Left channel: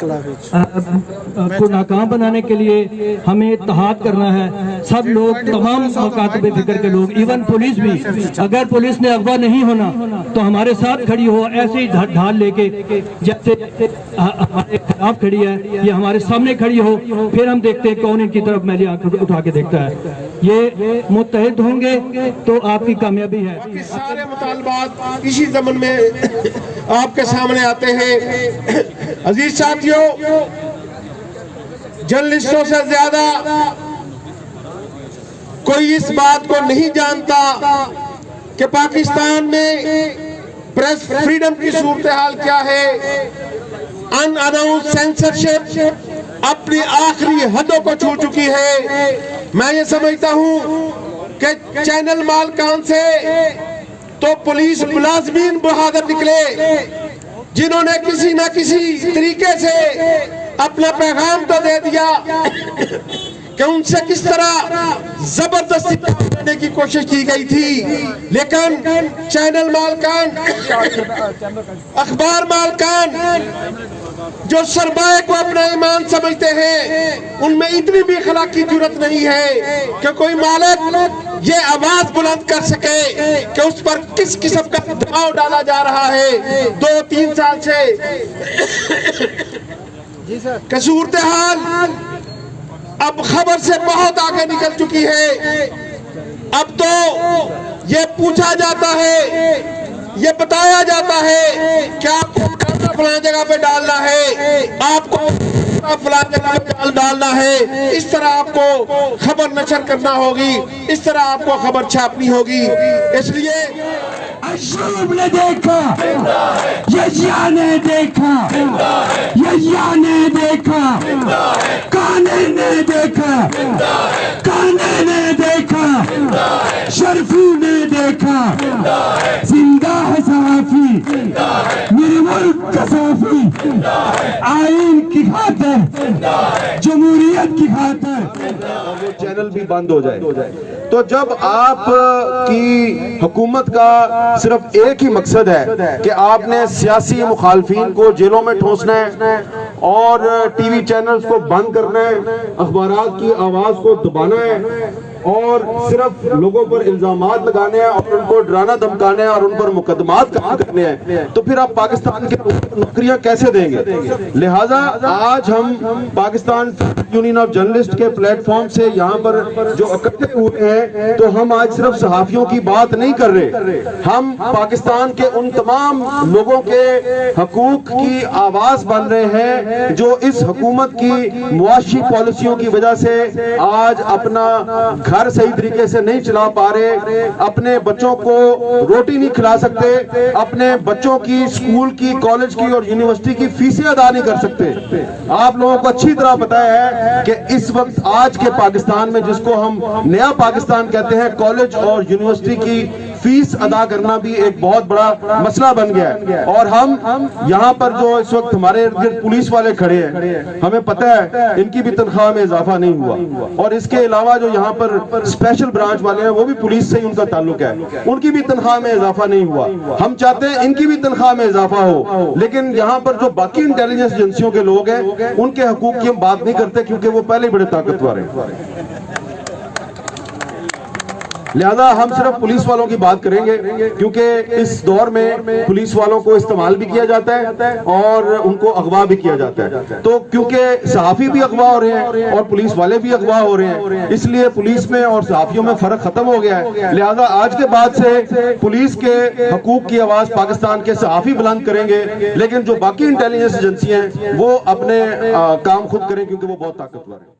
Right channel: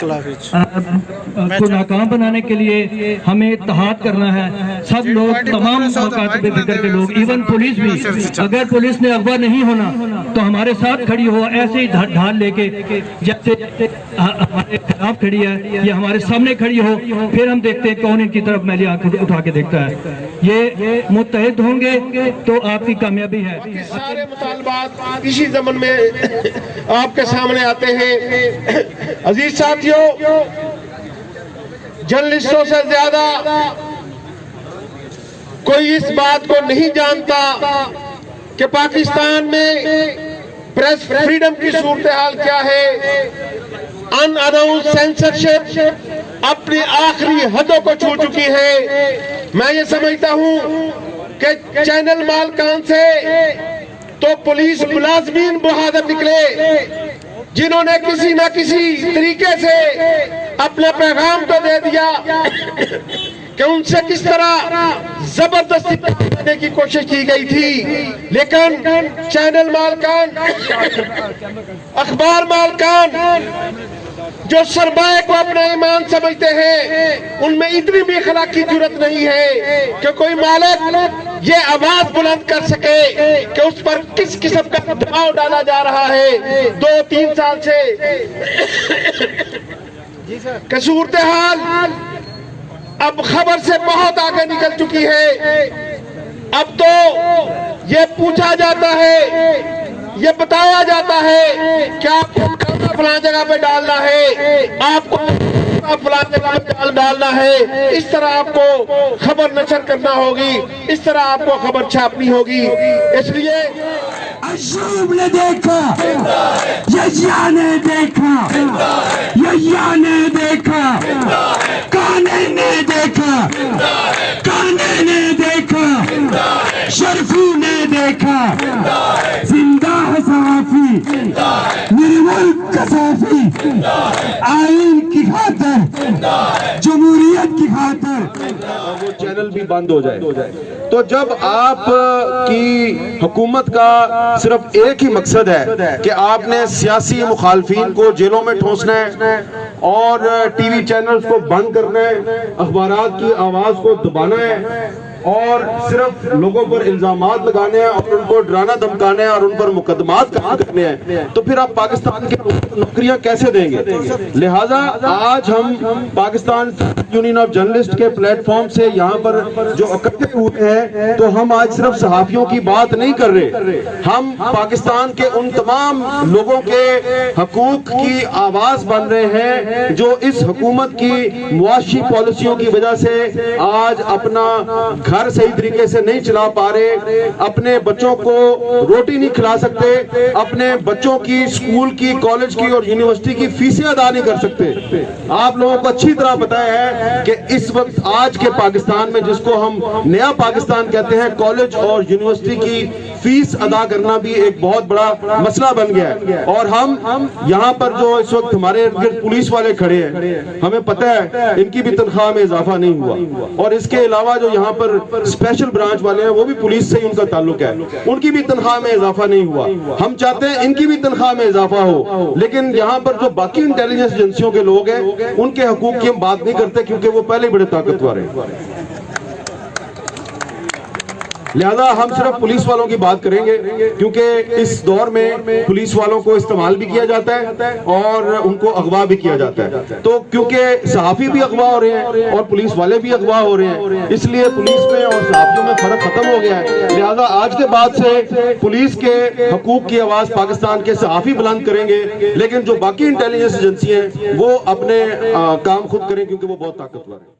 کو ناکام بنانے کے لیے ہمیں اتحاد کرنا ہے. سب لوگ, تمام مکاتب فکر کے لوگ, ایون پولیس بھی, اگر پولیس نے اغوا نہیں ہونا تو ہمارے ساتھ کھڑی ہو, ایسے ہی ڈھال لے کے جیسے ہمارے خلاف کھڑی ہے یا ہمارے سامنے کھڑی ہو, پھر ہم دیکھتے ہیں کون ان کی طرف میلی آنکھ اٹھا کے دیکھتا ہے. یہ متحد ہوں گے تو آپ کی کامیابی ہے. سارے مطالبات اسی زمن میں آپ کے سامنے آتے ہیں. عزیز ساتھیوں, جرنلسٹوں سے زیادہ کوئی اس بات کو نہیں جانتا کہ پاکستان میں پریس فریڈم کی صورتحال کیا ہے. ان اناؤنس سینسرشپ اپنی آخری حدوں کو چھو چکی ہے. میں یہ سمجھتا ہوں کہ چینل مالکان سے تو پولیس ملازمین بہادر نکلے جنہوں نے کسی نہ کسی طریقے سے اپنا پیغام تو دے دیا کہ ان سے کس طرح زبردستی کرنے کی کوشش کی گئی تھی. لیکن چینل مالکان, اخبار مالکان جو سرمایہ کو اپنا ایمان سمجھتے ہیں, ان میں اتنی بھی اخلاقی جرات نہیں ہے کہ کوئی مالک یہ آواز بلند کر سکے کہ اس پر کس قسم کا دباؤ ڈالا جا رہا ہے 2-3 سال سے. کہ صورتحال اب خبر سے بہت آگے نکل چکی ہے. اب تو یہ پوچھا جاتا ہے, یہ بتایا جاتا ہے کہ آپ کو کیمرہ فلان جگہ پہ ڈالنا ہے, آپ کو فلان جگہ پہ ڈالنا ہے, اس طرح آپ کو خبر نشر کرنا ہوگی, اس طرح آپ کو خبر چھاپنی ہوگی. اس لیے اشرف نے دیکھا, یحییٰ نے دیکھا, یحییٰ نے دیکھا, کانے نے دیکھا, کانے نے دیکھا, شرفی نے دیکھا. زندہ ہے صحافی, میرے ملک کا صحافی, آئین کی خاطر, جمہوریت کی خاطر. وہ چینل بھی بند ہو جائے. تو جب آپ کی حکومت کا صرف ایک ہی مقصد ہے کہ آپ نے سیاسی مخالفین کو جیلوں میں ٹھونسنا ہے اور ٹی وی چینلز کو بند کرنا ہے, اخبارات کی آواز کو دبانا ہے اور صرف لوگوں پر الزامات لگانے ہیں اور ان کو ڈرانا دھمکانے ہیں اور ان پر مقدمات کرنے ہیں, تو پھر آپ پاکستان کے نوکریاں کیسے دیں گے؟ لہٰذا آج ہم پاکستان یونین آف جرنلسٹ کے پلیٹ فارم سے یہاں پر جو اکٹھے ہوئے ہیں, تو ہم آج صرف صحافیوں کی بات نہیں کر رہے, ہم پاکستان کے ان تمام لوگوں کے حقوق کی آواز بن رہے ہیں جو اس حکومت کی معاشی پالیسیوں کی وجہ سے آج اپنا گھر صحیح طریقے سے نہیں چلا پا رہے, اپنے بچوں کو روٹی نہیں کھلا سکتے, اپنے بچوں کی اسکول کی, کالج کی اور یونیورسٹی کی فیسیں ادا نہیں کر سکتے. آپ لوگوں کو اچھی طرح پتا ہے کہ اس وقت آج کے پاکستان میں, جس کو ہم نیا پاکستان کہتے ہیں, کالج اور یونیورسٹی کی فیس ادا کرنا بھی ایک بہت بڑا مسئلہ بن گیا ہے. اور ہم یہاں پر جو اس وقت ہمارے پولیس والے کھڑے ہیں, ہمیں پتہ ہے ان کی بھی تنخواہ میں اضافہ نہیں ہوا, اور اس کے علاوہ جو یہاں پر اسپیشل برانچ والے ہیں وہ بھی پولیس سے ہی ان کا تعلق ہے, ان کی بھی تنخواہ میں اضافہ نہیں ہوا. ہم چاہتے ہیں ان کی بھی تنخواہ میں اضافہ ہو, لیکن یہاں پر جو باقی انٹیلیجنس ایجنسیوں کے لوگ ہیں ان کے حقوق کی ہم بات نہیں کرتے کیونکہ وہ پہلے بڑے طاقتور ہیں. لہذا ہم صرف پولیس والوں کی بات کریں گے کیونکہ اس دور میں پولیس والوں کو استعمال بھی کیا جاتا ہے اور ان کو اغوا بھی کیا جاتا ہے. تو کیونکہ صحافی بھی اغوا ہو رہے ہیں اور پولیس والے بھی اغوا ہو رہے ہیں, اس لیے پولیس میں اور صحافیوں میں فرق ختم ہو گیا ہے. لہذا آج کے بعد سے پولیس کے حقوق کی آواز پاکستان کے صحافی بلند کریں گے, لیکن جو باقی انٹیلیجنس ایجنسی ہیں وہ اپنے کام خود کریں کیونکہ وہ بہت طاقتور ہیں.